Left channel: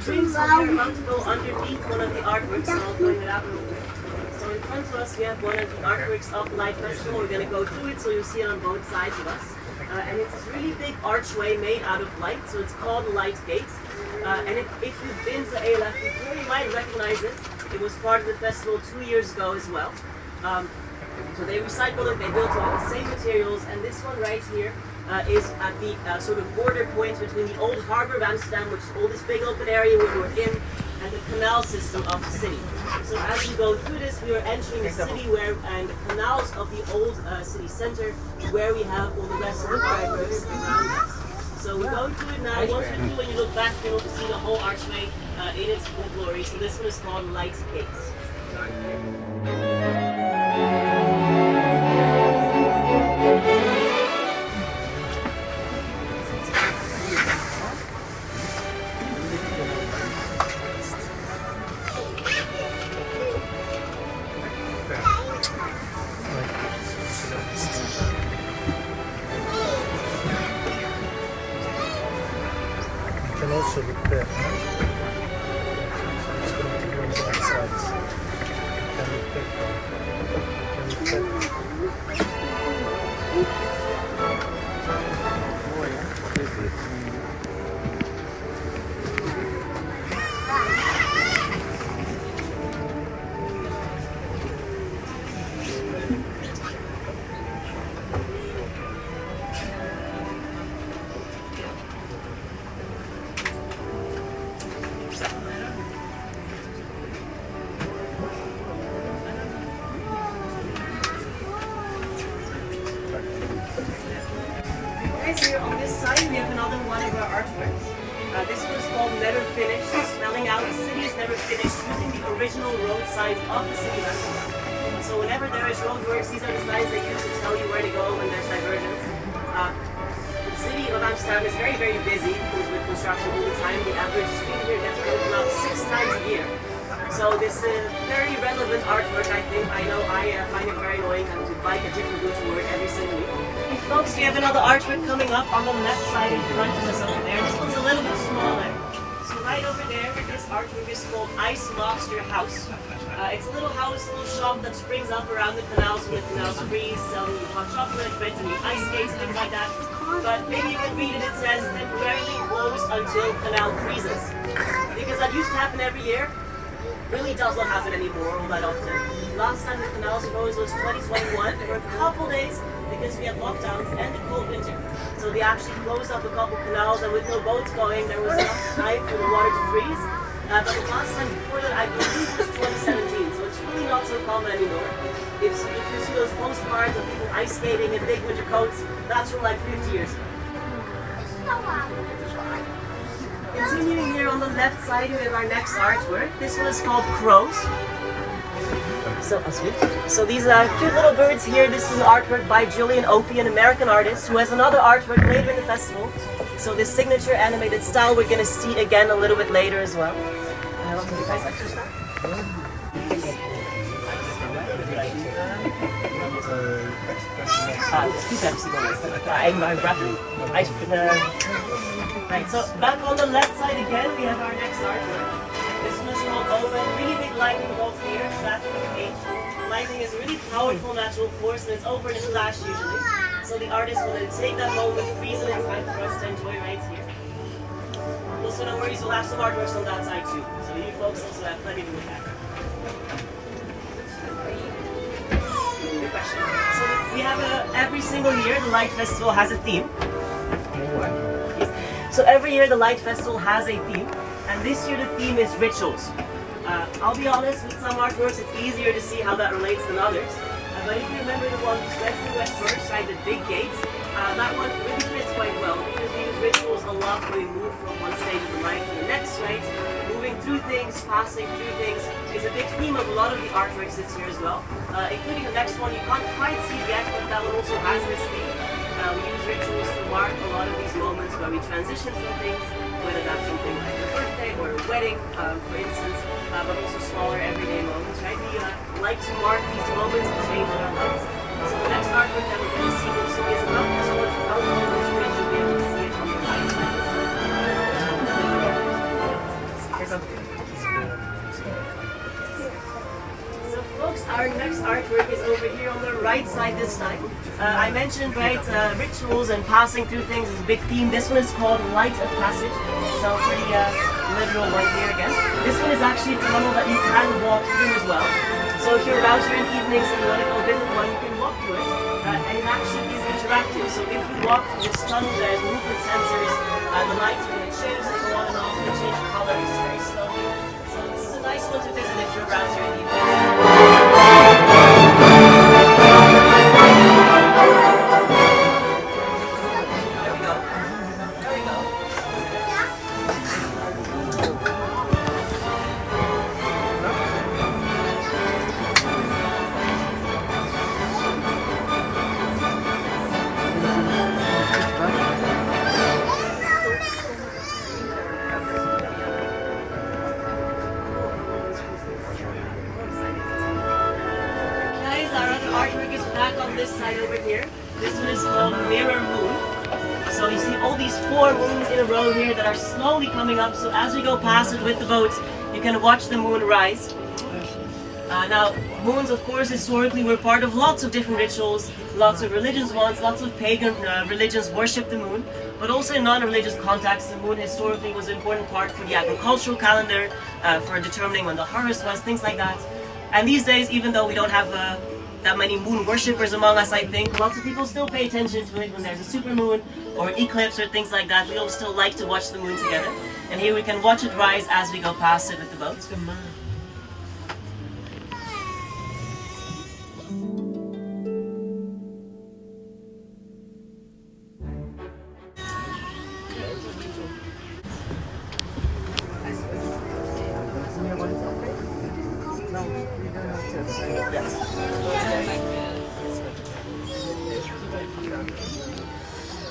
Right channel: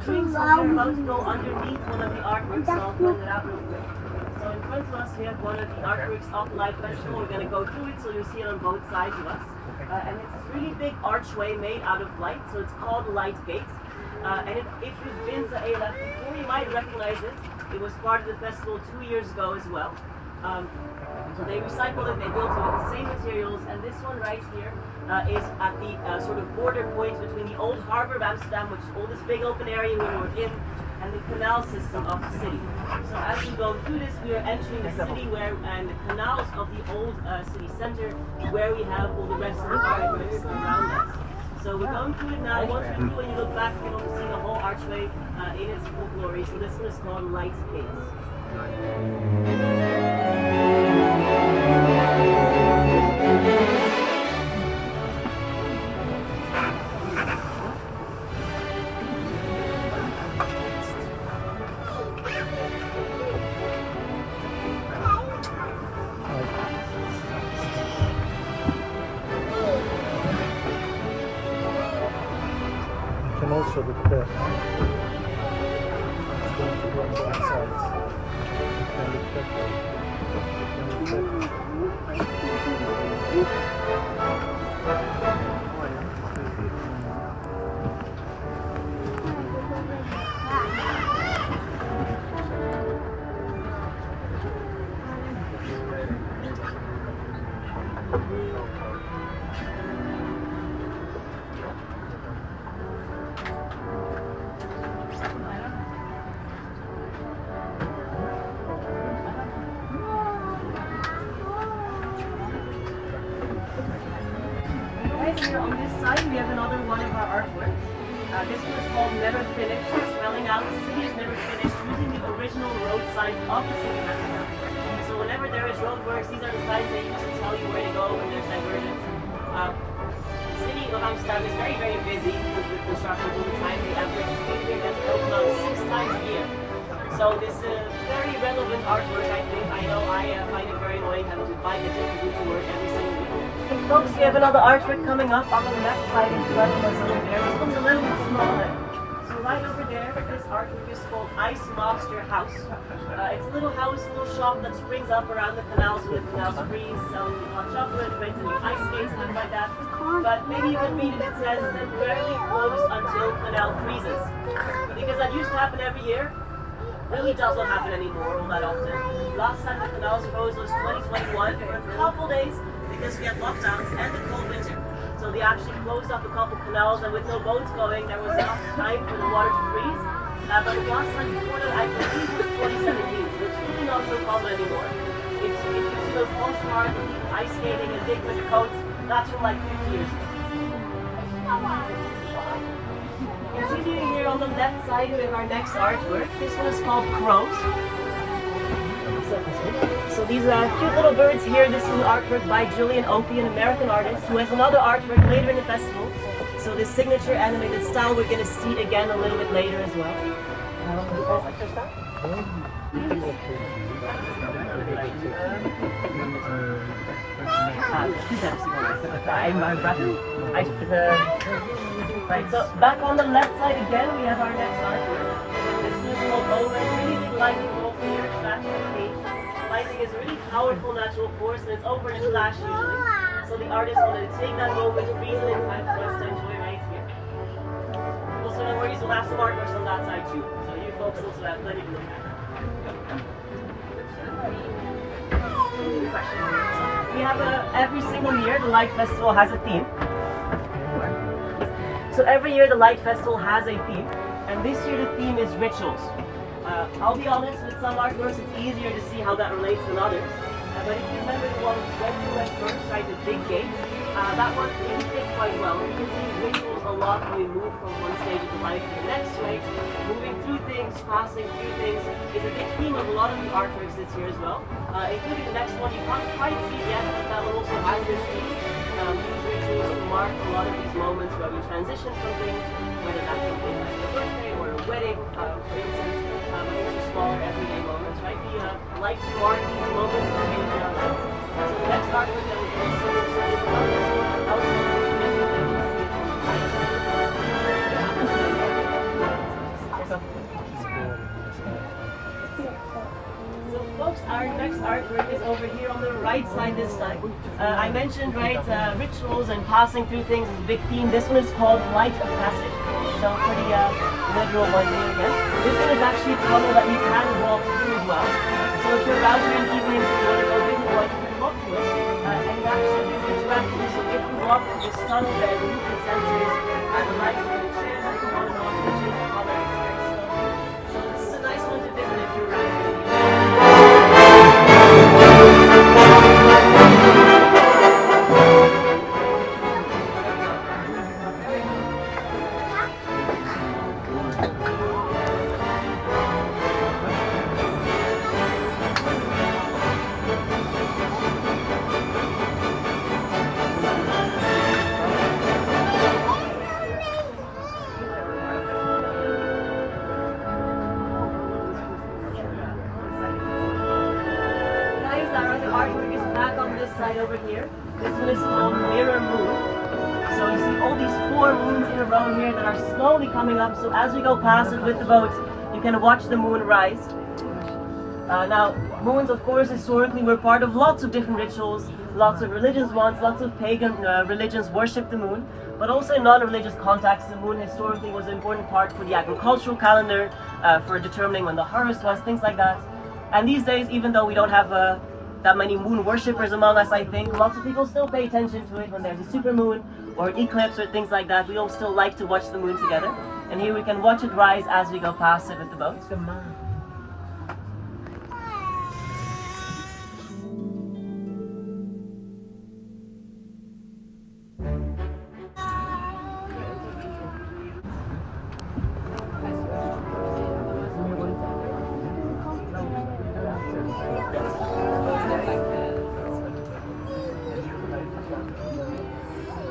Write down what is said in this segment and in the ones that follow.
dreams of your aunt go underneath one of the artworks, so I'll point it out real quick. So in front of us we have one of the artworks of the Light Festival. We're going to go through it so you'll see it on both sides of us. And it's this really big archway made out of light, so it's called the Light Gate. And if you've been to ALF before, you might recognize it. It was part of the festival 2 years ago as well. So they recycled it, they built it with the same materials, and this one right here is at the sort of border point between the old harbour of Amsterdam, which is all this big open area we were in, and the canal system of the city. So as we go through this, we are entering the city and the canals of the old city centre, where we have all the rest of the artworks around us. So we're going through it now. Once we're through, when you look back, you'll see the whole archway in its full glory. So this one is called Light Gate. Can also look there. It's going to go on both sides. Can look back. Can look back. Here on this side we have another one of our artworks. This one is called Never Finished, spelling out the city is never finished using the original road signs of the city of Amsterdam. So whenever there is roadworks, these are the signs they use to tell you where to go when there's divergence. The city of Amsterdam is very, very busy with construction all the time. The average street here gets built about 6 times a year. So this is very relevant artwork, I think. I know I find it very annoying having to buy a different route to work every single week. Hey folks, we have another artwork coming up on the left side in front of us over there. This one's a little bit smaller. So right over there, this artwork is called Ice Lobster House. It's a little house, a little shop that springs up around the canals when the canals freeze, selling hot chocolate, bread to eat ice skates, things like that. But maybe you can read it, it says temporarily closed until canal freezes. Because that used to happen every year. Really does not happen anymore all that often. Last time the canals froze was 2021 for a couple days because we had lockdowns and the cold winter. So they actually closed up a couple canals, and with no boats going, there was enough time for the water to freeze. But the last time before that, I believe was 2017, so it's really not so common anymore. If you see those postcards of people ice skating in big winter coats, that's from like 50 years ago. Continuing here on the left side, we have our next artwork. This one is called Crows. So these cute little birds here, this is an artwork by Julian Opie, an American artist, who has another artwork later in the festival. So this signature animated style we're going to see again a little bit later as well. Right, so back on the left side again, we have our next artwork. This one is called Owen. Really big lightning bolt here, traffic cage. Lightning is a really powerful natural force, and it's over in a flash usually. So the artist will then take that moment, freeze it in time for us to enjoy right here. Also, no worries, we'll have some artworks on that side too. So you folks also have plenty to look at. Good question. So we have every single year, the Light Festival has a theme. So every year the Light Festival has a theme, and this year the theme is rituals. I'll be honest, with some artworks it's easier to see how that relates than others. But if you remember the one west first, right, the big gate, that one really fits quite well. We use rituals a lot when we move from one stage of life to the next, right? Moving through things, passing through things is a big theme of a lot of the artworks this year as well. Including the next one, you can't quite see it yet, but that one also has this theme. We use rituals to mark a lot of these moments where we transition from things, whether that's something like a birthday or a wedding, for instance, but also smaller everyday moments, right? We like to mark these moments and change our lives. So the next artwork that we're going to see is another sort of about this ritual that we see it on the right. our next artwork is over here on the right side this time. I mentioned, right, rituals and passing through things is a big theme. This one is called Light of Passage, so pretty literal one here again. This one is actually a tunnel that you can walk through as well. So if you're out here in evenings and you want to go visit one, you can walk through it. And it actually is interactive, so if you walk through this tunnel, there's movement sensors, the lights are going to change, on and off, they change the colors very slowly. So this is a nice one to visit if you're around here in the evening. Artwork is back on this side over here. This one is called Mirror Moon. So you see all these 4 moons in a row here that are slowly coming up. So as we go past it with the boat, you can watch the moon rise. Now, moons, of course, historically were part of lots of different rituals. Lots of religions once, lots of pagan religions worship the moon. But also in non-religious contexts, the moon historically was an important part for the agricultural calendar, for determining when the harvest was, things like that. And these days, even though we don't have that many moon worshippers among us, I think lots of people still pay attention to it when there's a supermoon or eclipse or things like that. We all still like to watch the moon together. And here we can watch it rise as we go past it with the boat.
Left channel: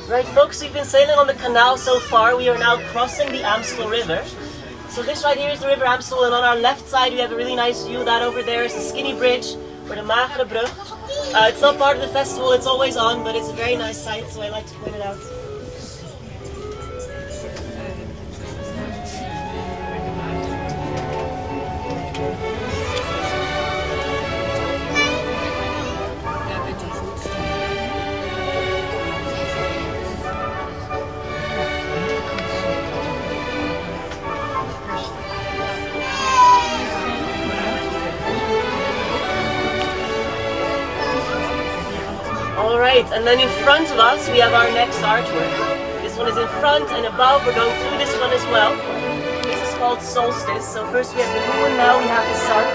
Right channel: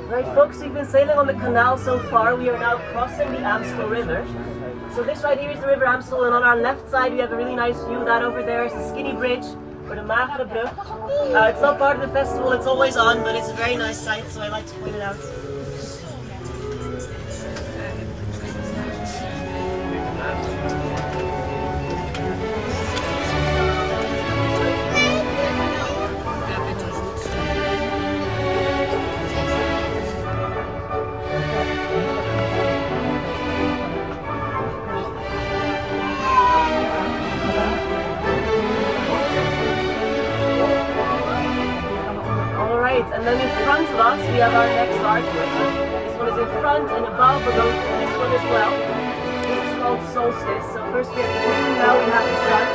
Right folks, we've been sailing on the canal so far. We are now crossing the Amstel River. So this right here is the River Amstel, and on our left side we have a really nice view. That over there is the skinny bridge, or the Magere Brug. It's not part of the festival, it's always on, but it's a very nice sight, so I like to point it out. And then in front of us we have our next artwork. This one is in front and above. We're going through this one as well. This is called Solstice. So first we have the moon, now we have the sun.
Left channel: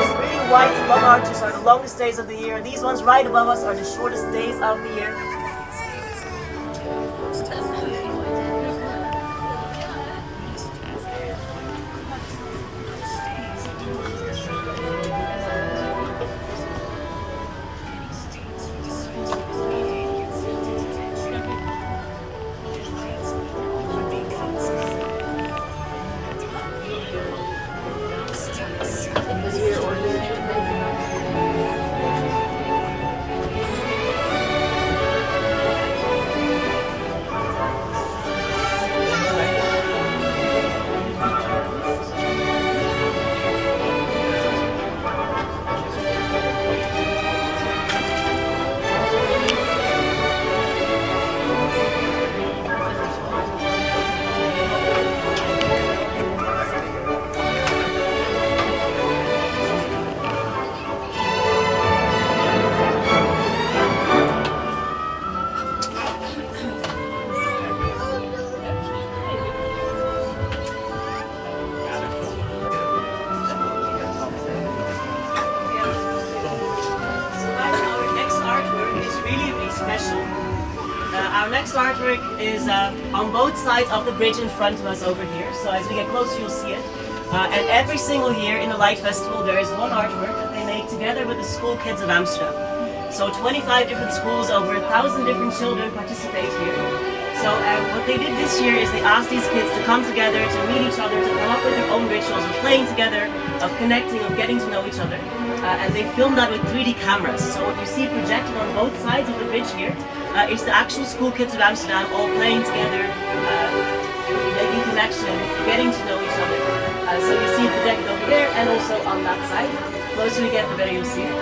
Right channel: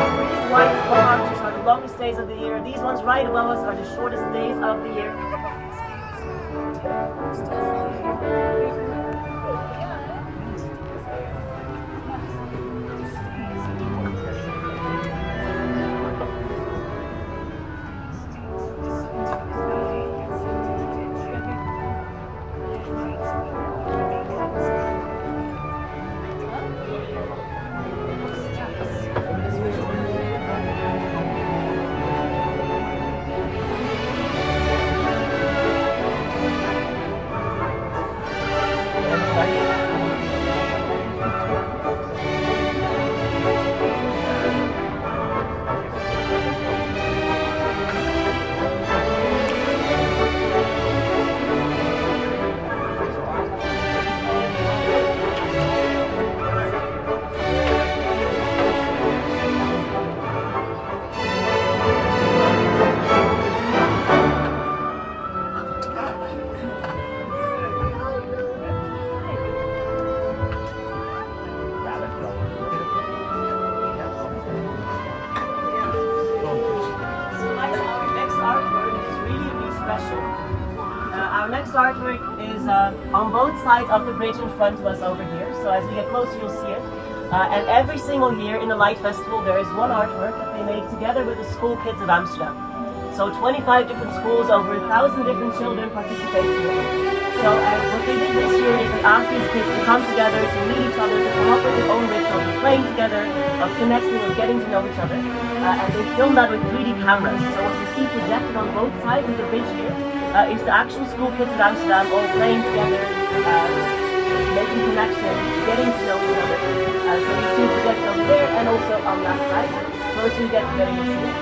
These really white long arches are the longest days of the year. These ones right above us are the shortest days of the year. Our next artwork is on both sides of the bridge in front of us over here. So as we get closer, you'll see it. And every single year in the Light Festival, there is one artwork that they make together with the school kids of Amsterdam. So 25 different schools, over 1,000 different children participate here. So what they did this year is they asked these kids to come together, to meet each other, to come up with their own rituals of playing together, of connecting, of getting to know each other. And they filmed that with 3D cameras. So what you see projected on both sides of the bridge here is the actual school kids of Amsterdam all playing together, making connections, getting to know each other. So you see projected over there and also on that side. closer you get, the better you see it.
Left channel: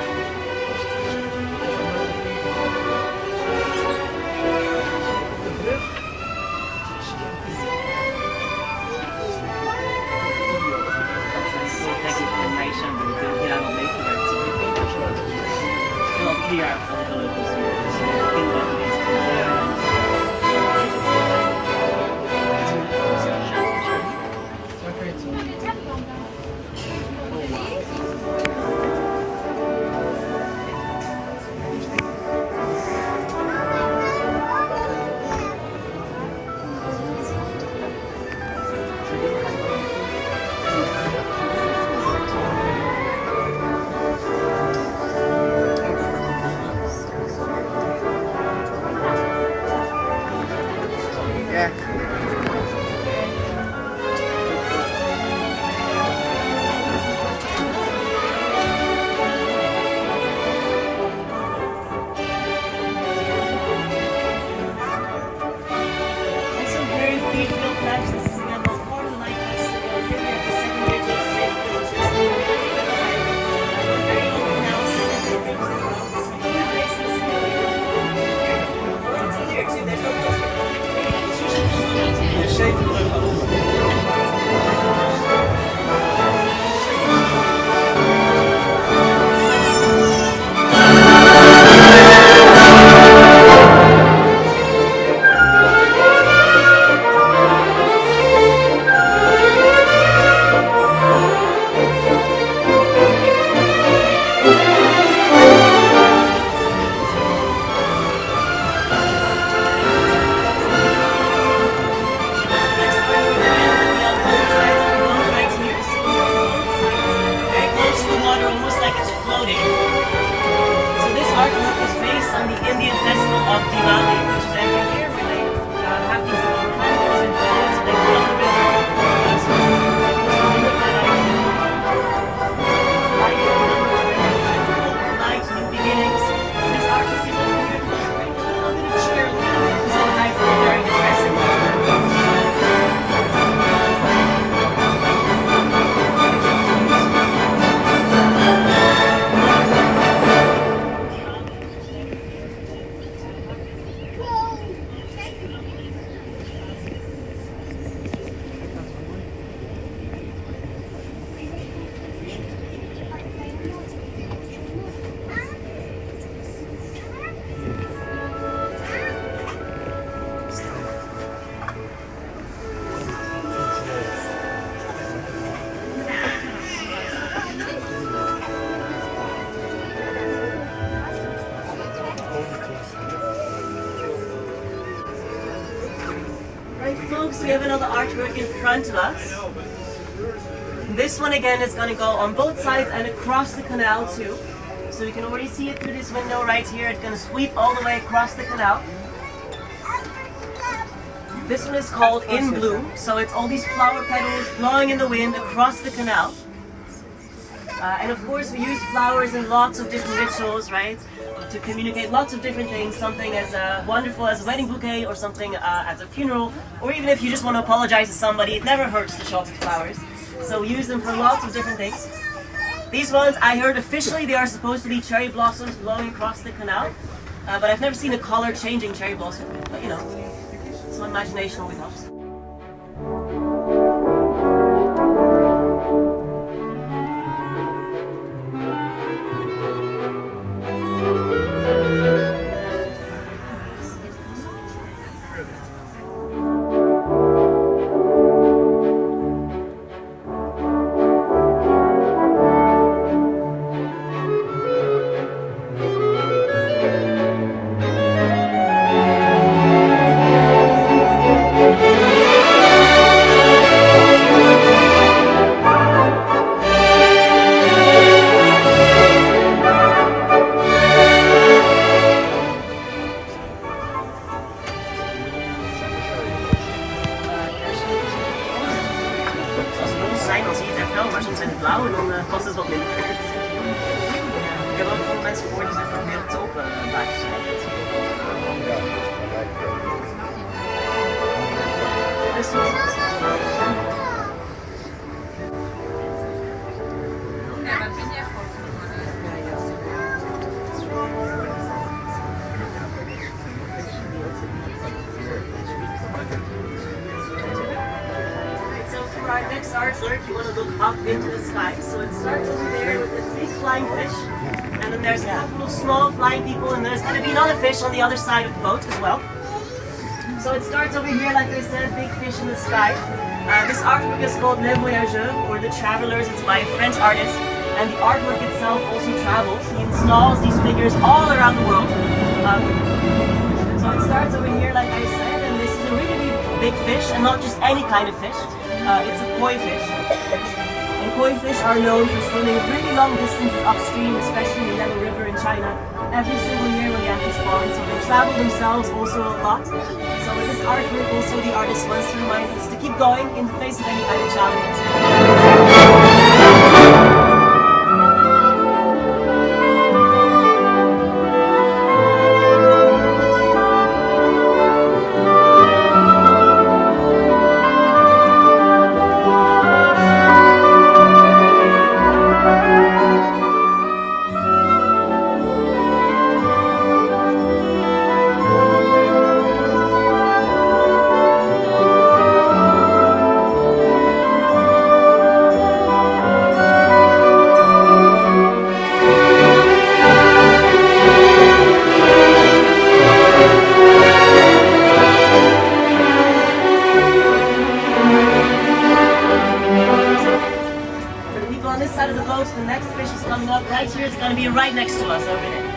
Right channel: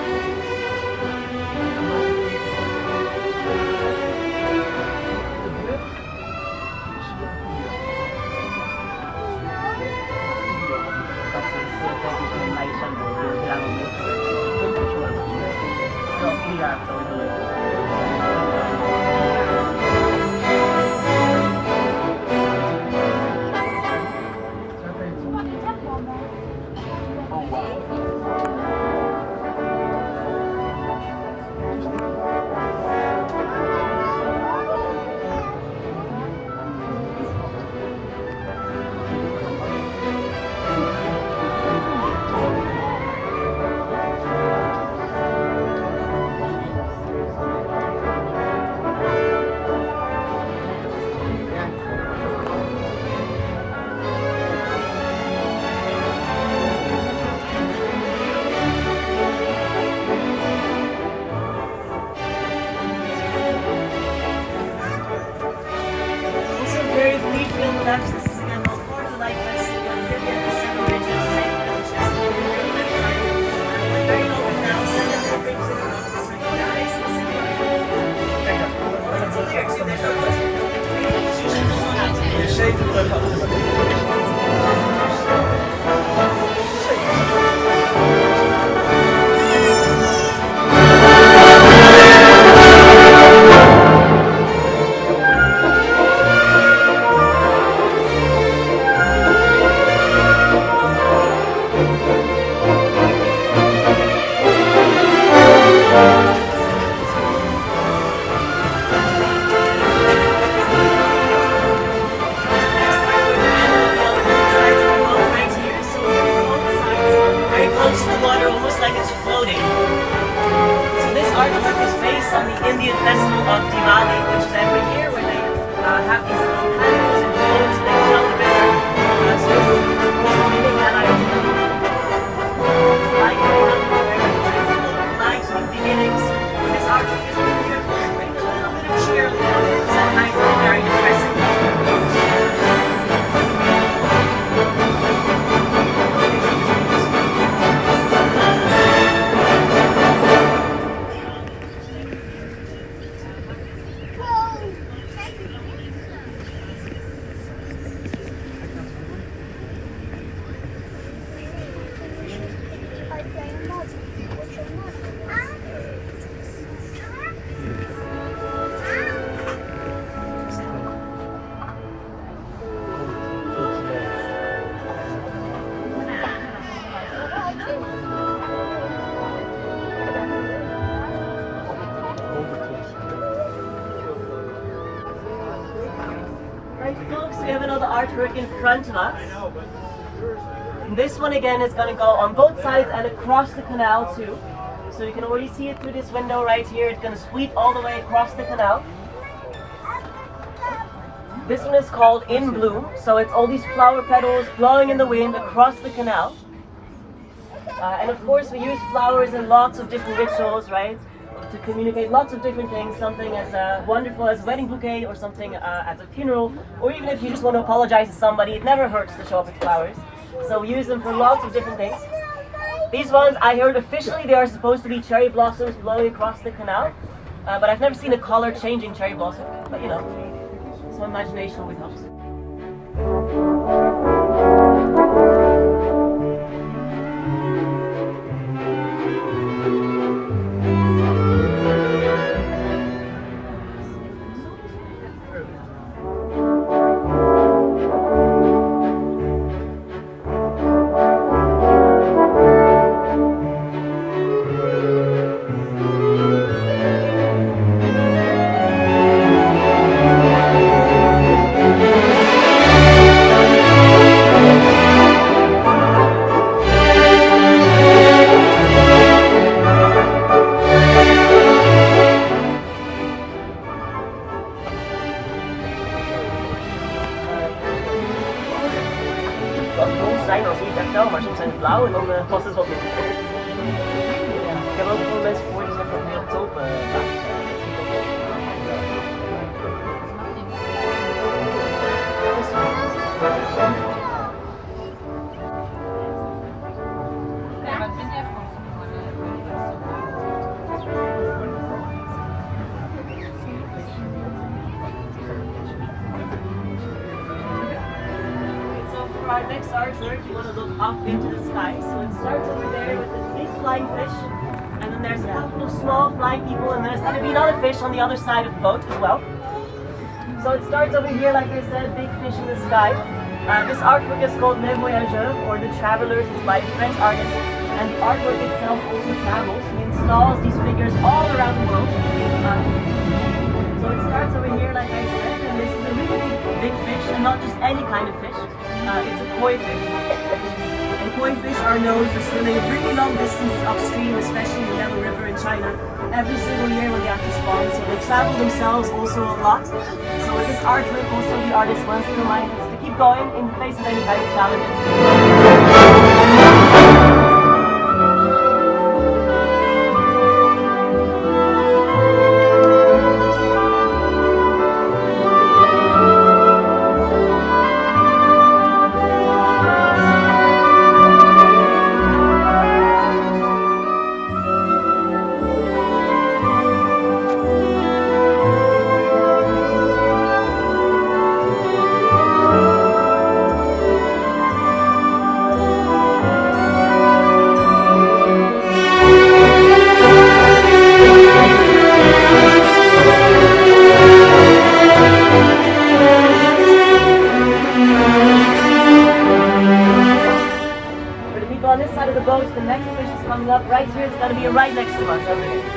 This is again Amsterdam Light Festival. Here we have the 7 bridges, 8 villages. We're very local now, 7 bridges in all of this right now. Nice and simple. It's here too, there's on the Indian festival of Diwali, which is every year where they have these little candles and floats and they fill up the river. So this is supposed to mimic that idea. Light, new beginnings. This artwork is also here to bring a little bit of cheer, a little bit of sometimes very depressing. Folks, we have another artwork in front of us. This one again is going to go on both sides and across the canal too. So you can already see it through this window right here. It's going to sweep all the way across the canal. This one is called In Bloom. So it's all these flower petals blowing in the wind across the canal. And of course we use flowers in lots of different rituals, right? To communicate lots of different things, something as wonderful as a wedding bouquet or something as a funeral, or even if you just want to apologize to somebody, it never hurts to show up with flowers. So we use them for lots of different things. These ones, I heard officially they are supposed to be cherry blossoms blowing across the canal, but I've never seen a color changing cherry blossom, but you know, some imagination always helps. fish. And then there's a couple of small flying people, and there's going to be another fish on the other side of the boat as well. So it starts over here, like I said, big fish in the sky. This artwork is called Les Voyageurs, or The Travelers. It's by a French artist, and the artwork itself also travels. He installs these figures all around the world. So it starts over here, like I said, and this is a really big fish, and not just any kind of fish. It's a koi fish. And koi fish are known for swimming really long distances upstream, especially in the Yellow River in China, every single year when they have to spawn. So they travel themselves also a lot. So with this artwork, also the artist wants to remind us to keep going in the face of any kind of challenges. On this side of the boat, the next fish is coming up right here. It's going to be right next to us over there.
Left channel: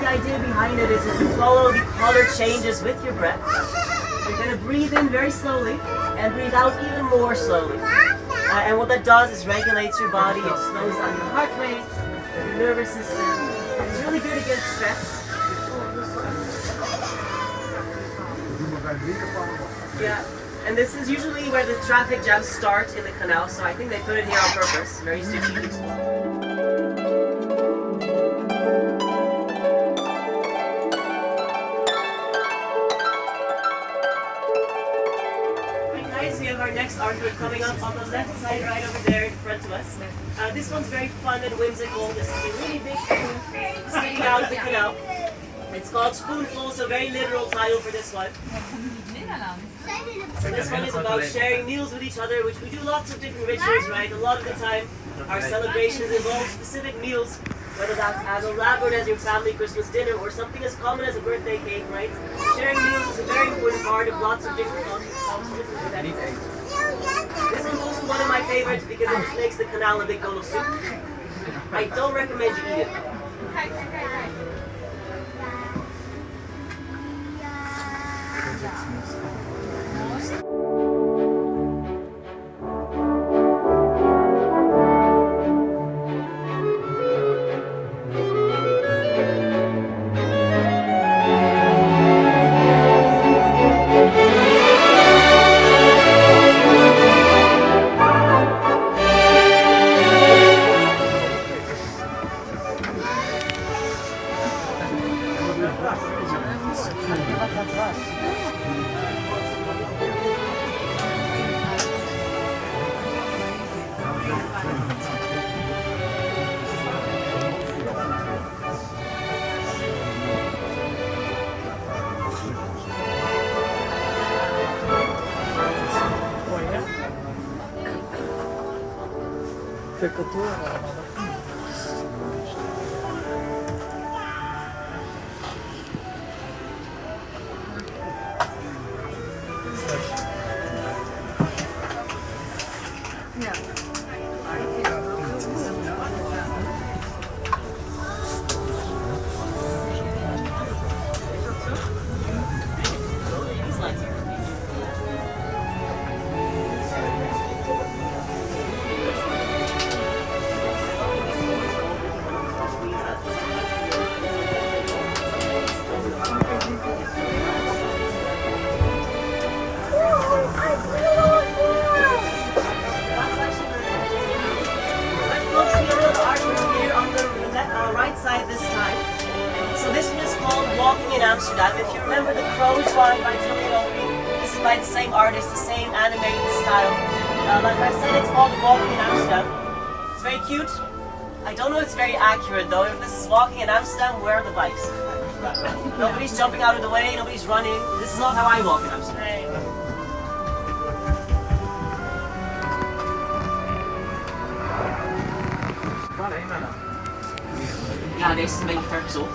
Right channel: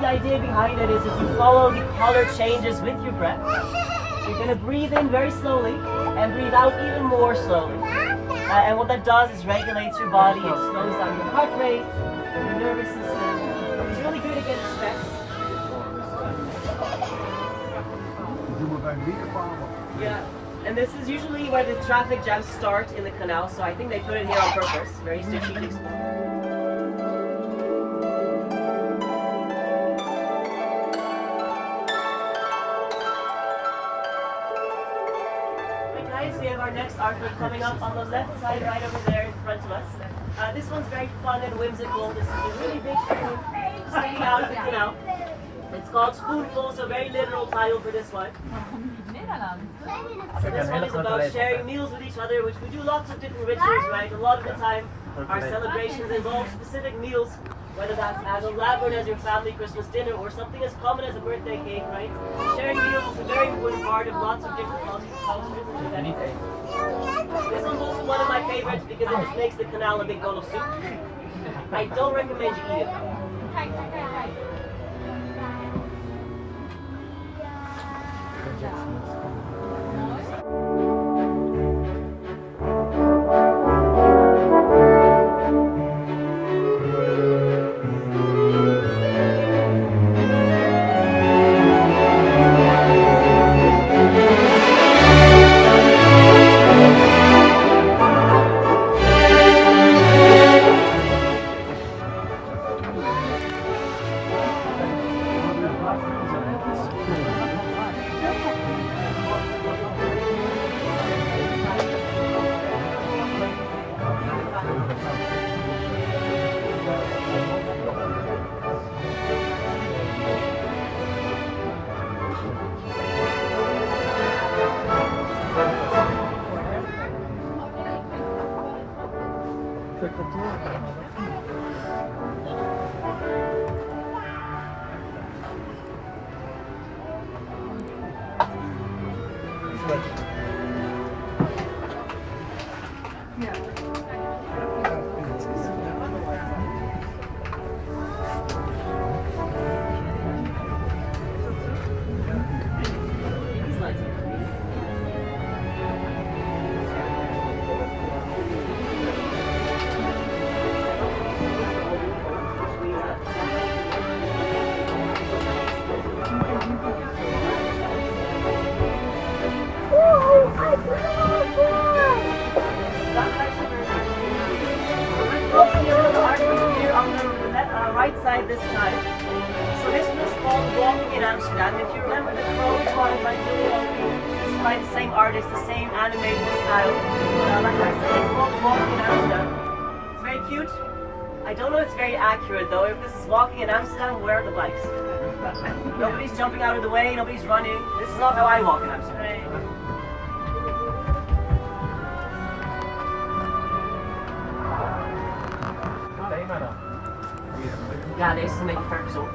The idea behind it is if you follow the color changes with your breath, you're going to breathe in very slowly and breathe out even more slowly. And what that does is regulates your body, it slows down your heart rate, your nervous system. It's really good against stress. Yeah, and this is usually where the traffic jams start in the canal, so I think they put it here on purpose, very strategic. We have our next artwork coming up on the left side, right over there in front of us. This one's very fun and whimsical. This is a really big spoon sticking out of the canal. It's called Spoonful, so very literal title for this one. So this one is about sharing meals with each other, which we do lots of different rituals, right? A lot of the time, our celebrations involve specific meals, whether that's as elaborate as your family Christmas dinner or something as common as a birthday cake, right? Sharing meals is a very important part of lots of different cultures. This one's also one of my favorites because it just makes the canal a big bowl of soup. I don't recommend you eat it. Take a tour. Right side this time. So this one is called Walking in Amsterdam. If you remember the Crow's Ride by Julia, this is by the same artist, the same animated style. Like I said, it's called Walking in Amsterdam. It's very cute. I don't know if it's very accurate though. If this is Walking in Amsterdam, where are the bikes? Nobody's jumping out of the way, nobody's running. This is not how I walk in Amsterdam. Ja, deze is een beetje vergezond.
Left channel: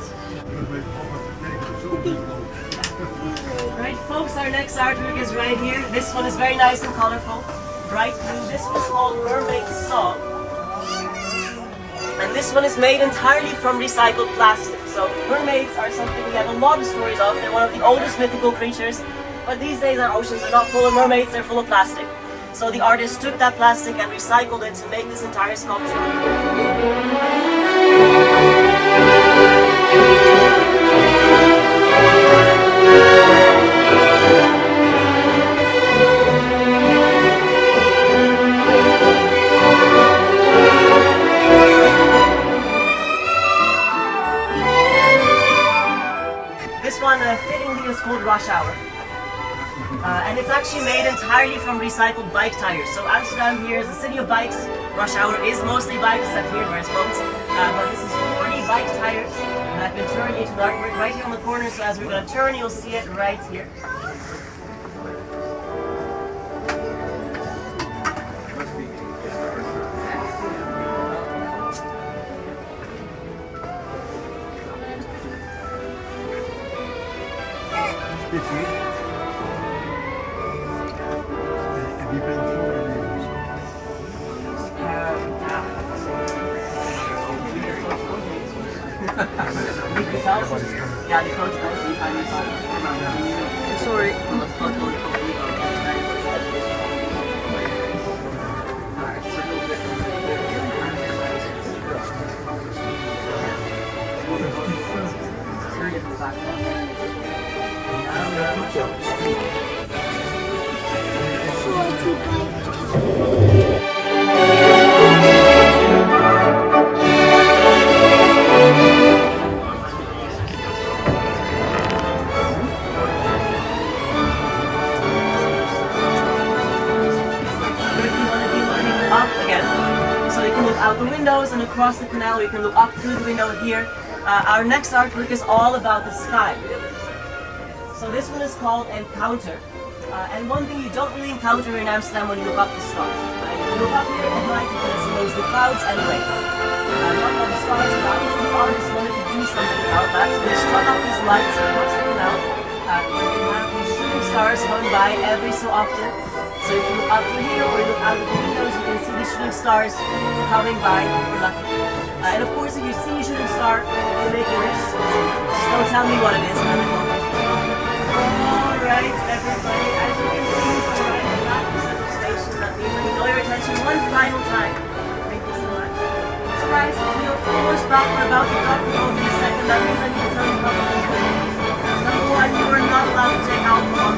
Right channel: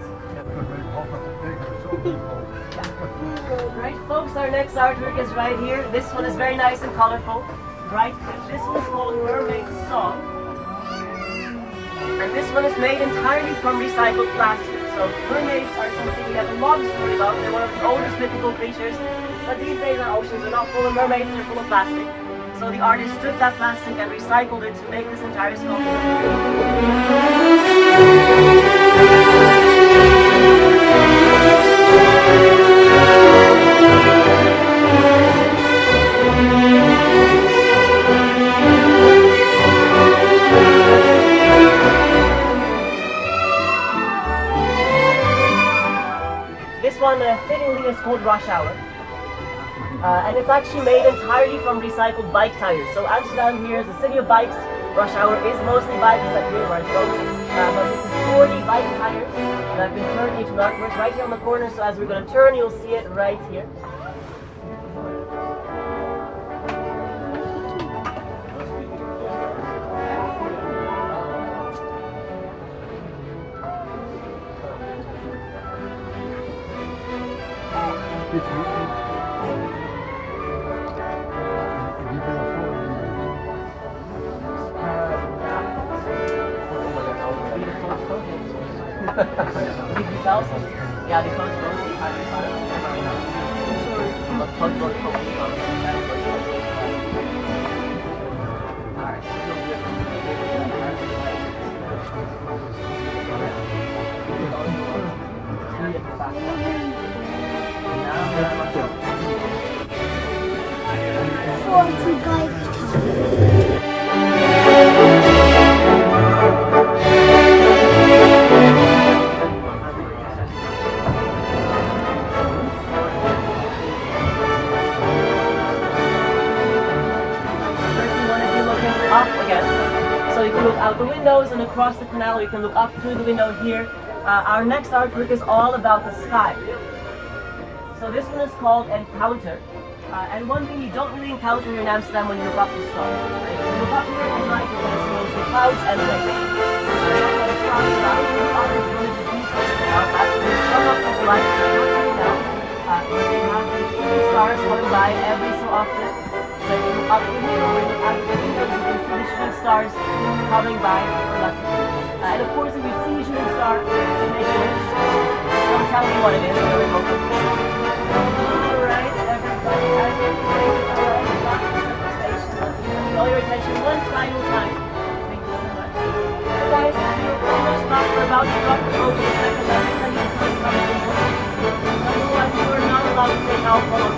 Right folks, our next artwork is right here. This one is very nice and colorful. Bright blue. This one's called Mermaid's Song. And this one is made entirely from recycled plastic. So mermaids are something we have a lot of stories of. They're one of the oldest mythical creatures. But these days our oceans are not full of mermaids, they're full of plastic. So the artist took that plastic and recycled it to make this entire sculpture. This one fittingly is called Rush Hour. And it's actually made entirely from recycled bike tires. So Amsterdam here is a city of bikes. Rush Hour is mostly bikes, except here where it's boats. But this is 40 bike tires that have been turned into an artwork right here on the corner. So as we're going to turn, you'll see it right here. Ja, die grote kant die gaan dus. Sorry. Omdat het gewoon out the windows and across the canal. We can look up through the window here. Our next artwork is all about the sky. So this one is called Encounter. And one thing you don't really encounter in Amsterdam when you look up the stars. Right? When you look up here at night, you can see mostly clouds and rain. Not all the stars around. The artist wanted to do something about that. So they struck up these lights so it looks really well. You have these shooting stars going by every so often. So if you look up here or you look out the windows, you can see the shooting stars coming by. And of course, if you see a shooting star, you make a wish. Just don't tell me what it is. Alright, everybody, as you can see, alright, back to the station. Let me know your attention one final time. Thank you so much. So guys, almost back for about to talk over the second level. I need to tell you about the number one, you are not allowed to take alcohol.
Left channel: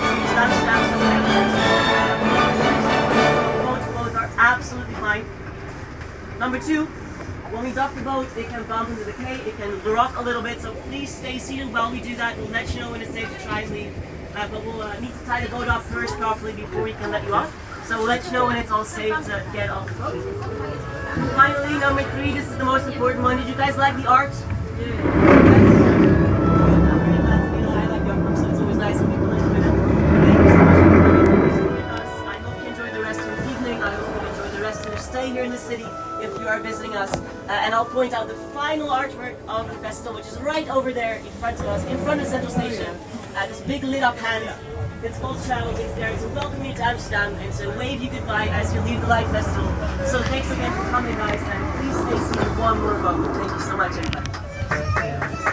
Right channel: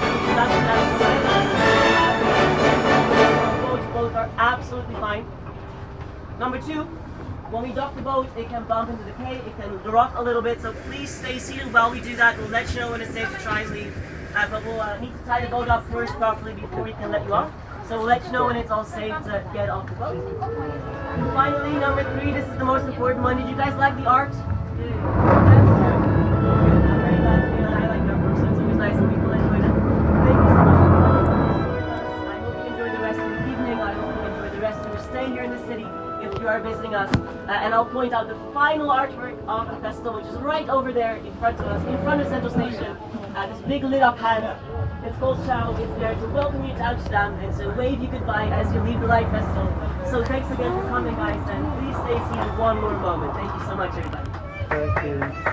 Both are absolutely fine. Number two, when we dock the boat, it can bump into the quay, it can rock a little bit, so please stay seated while we do that. We'll let you know when it's safe to try and leave. But we'll need to tie the boat up first properly before we can let you off. So we'll let you know when it's all safe to get off the boat. And finally, number 3, this is the most important one. Did you guys like the art? I like the artwork, so it's always nice when people enjoy it. Thank you so much for coming with us. I hope you enjoy the rest of the evening. I hope you enjoy the rest of your stay here in the city if you are visiting us. And I'll point out the final artwork of the festival, which is right over there in front of us, in front of Central Station. This big lit up hand. It's called Ciao. It's there to welcome you to Amsterdam and to wave you goodbye as you leave the Light Festival. So thanks again for coming, guys, and please stay seated one more moment. Thank you so much, everybody. Thank you.